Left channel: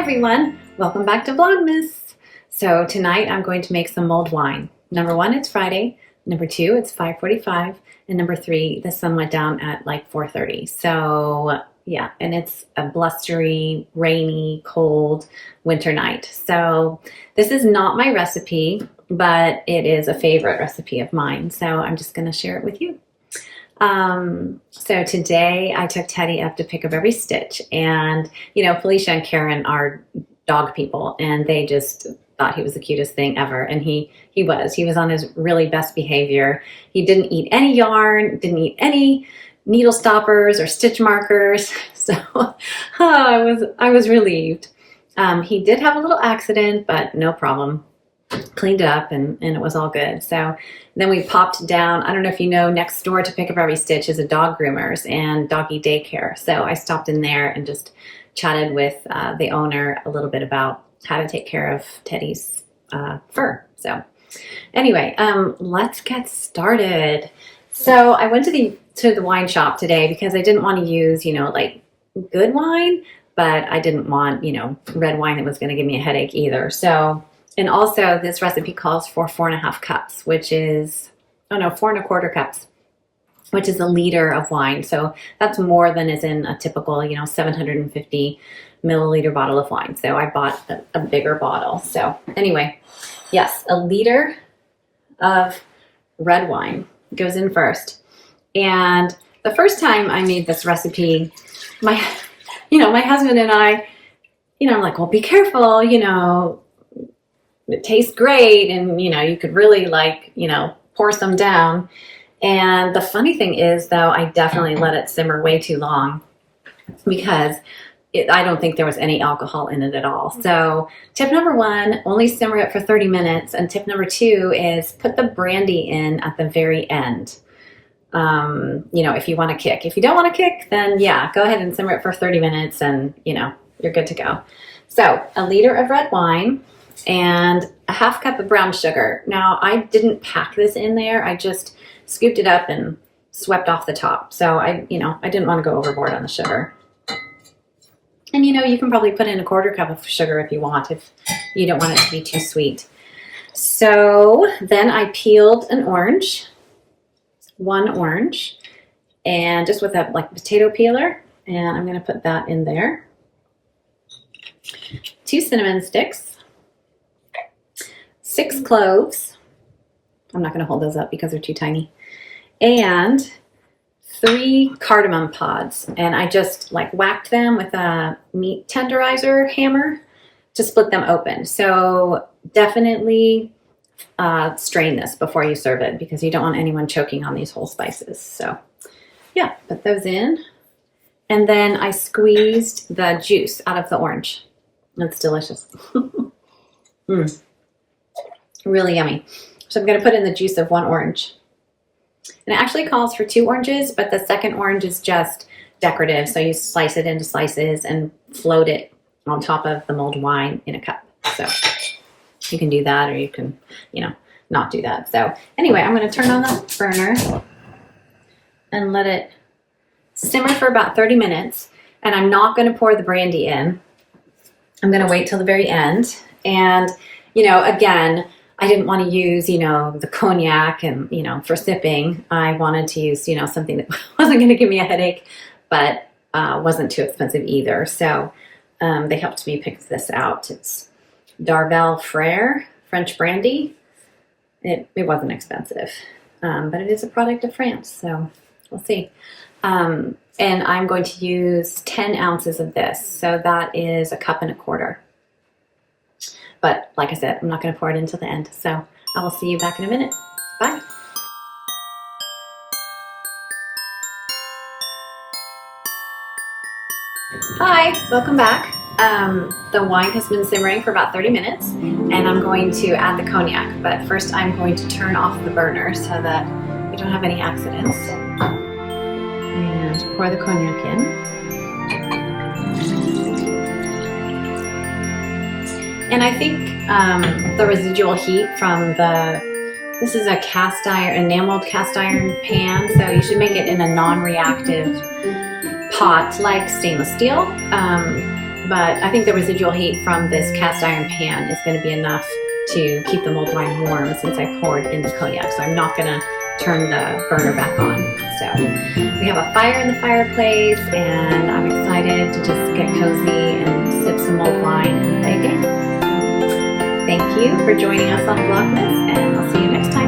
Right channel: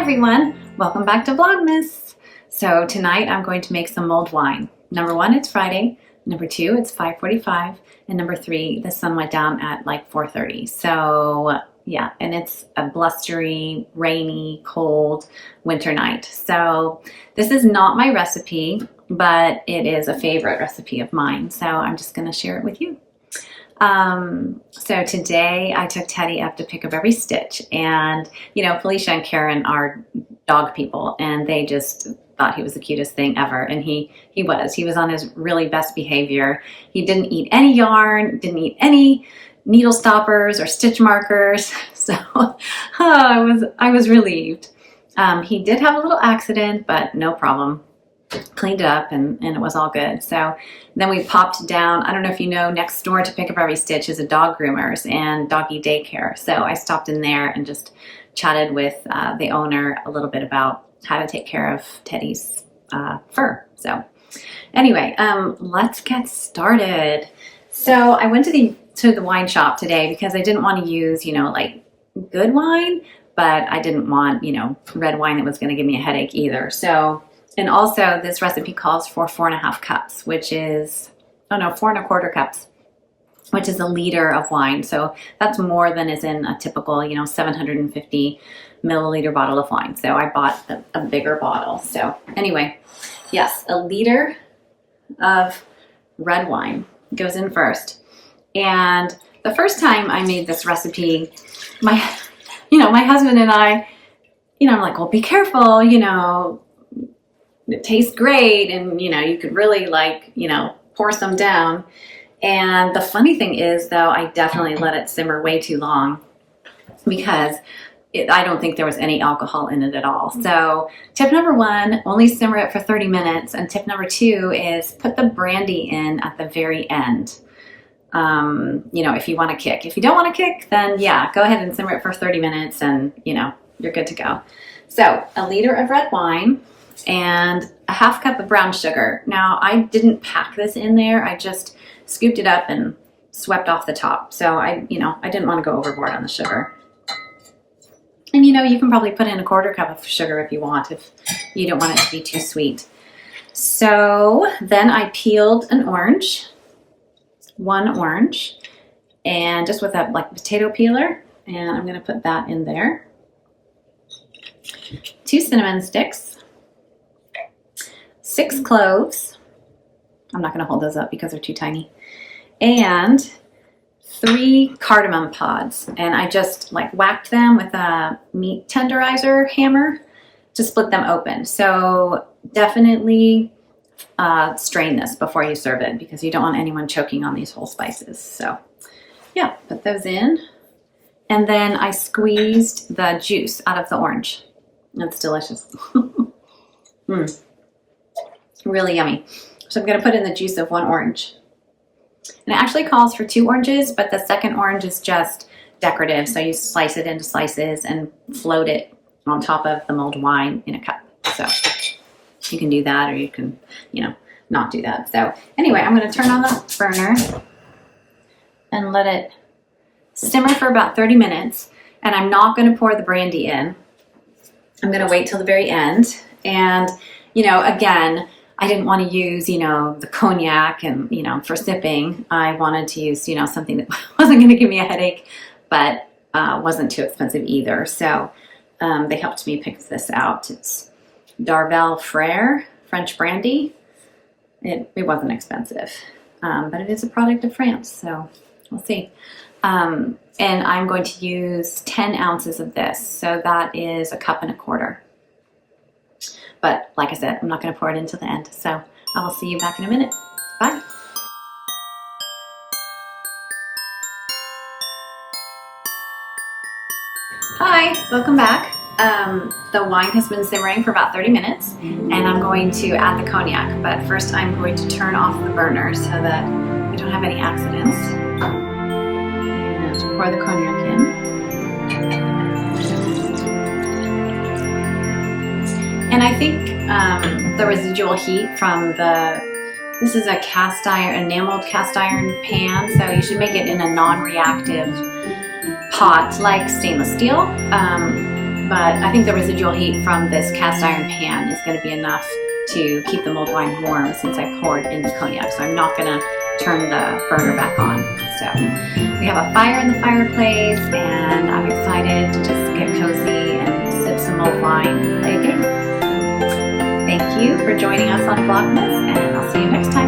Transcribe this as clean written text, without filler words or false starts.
everyone, welcome back to Vlogmas. So tonight I'm going to make some mulled wine. Number one, it's Friday. Number two, it's 5:45. And number three, the sun went down at like 4:30. So yeah, and it's a blustery, rainy, cold winter night. So this is not my recipe, but it is a favorite recipe of mine. So I'm just gonna share it with you. So today I took Teddy up to pick up every stitch, and you know, Felicia and Karen are dog people, and they just thought he was the cutest thing ever. And he was on his really best behavior. He didn't eat any yarn, didn't eat any needle stoppers or stitch markers. So I was relieved. He did have a little accident, but no problem. Cleaned it up and it was all good. So then we popped down, I don't know if you know, next door to Pick Up Every Stitch is a dog groomers and doggy daycare. So I stopped in there and just chatted with the owner a little bit about how to take care of Teddy's fur. So anyway, let's get started. So I went to the wine shop today because I didn't want to use, you know, like good wine, but I didn't want, you know, red wine that was going to give me a headache either. So and also this recipe calls for 4.5 cups, which is, 4.25 cups, which is a liter of wine. So that's more than is in a typical, you know, 750 milliliter bottle of wine. So I bought a bigger bottle. So anyway, yes, a liter of red wine goes in first. And the first time I made this recipe, my husband and I, I'm like, well, be careful, it tastes great, and you could really pour some down. And the funny thing is, though, I definitely let it simmer way too long because I don't think there was any alcohol in it at all. So tip number one, only simmer it for 30 minutes. And tip number two is put the brandy in at the very end. If you want to kick. If you don't want to kick, then yeah, go ahead and simmer it for 30 minutes and you're good to go. So a liter of red wine and a half cup of brown sugar. Now, I didn't pack this in there. I just scooped it up and swept off the top. So I didn't want to go overboard on the sugar. And you can probably put in a 1/4 cup of sugar if you want, if you don't want it to be too sweet. So then I peeled an orange, one orange, and just with a potato peeler, and I'm going to put that in there. 2 cinnamon sticks. 6 cloves. I'm not going to hold those up because they're too tiny. And 3 cardamom pods. And I just whacked them with a meat tenderizer hammer to split them open. So definitely strain this before you serve it because you don't want anyone choking on these whole spices. So yeah, put those in. And then I squeezed the juice out of the orange. It's delicious. Really yummy. So I'm going to put in the juice of 1 orange. And it actually calls for 2 oranges, but the second orange is just decorative. So you slice it into slices and float it on top of the mulled wine in a cup. So you can do that, or you can, not do that. So anyway, I'm going to turn on the burner and let it simmer for about 30 minutes. And I'm not going to pour the brandy in. I'm going to wait till the very end. And, again, I didn't want to use, the cognac and, for sipping. I wanted to use, something that wasn't going to give me a headache, but wasn't too expensive either. So they helped me pick this out. It's Darvel Frere French brandy. It wasn't expensive, but it is a product of France. So we'll see. And I'm going to use 10 ounces of this. So that is 1.25 cups. But like I said, I'm not going to pour it until the end. So I will see you back in a minute. Bye. Hi, welcome back. The wine has been simmering for about 30 minutes and I'm going to add the cognac. But first I'm going to turn off the burner so that we don't have any accidents. And pour the cognac in. And I think the residual heat from this is a cast iron, enameled cast iron pan, so you should make it in a non-reactive pot like stainless steel. but I think the residual heat from this cast iron pan is going to be enough to keep the mulled wine warm since I poured in the cognac. So I'm not going to turn the burner back on. So we have a fire in the fireplace, and I'm excited to just get cozy and sip some mulled wine and play a game. Thank you for joining us on Vlogmas, and I'll see you next time.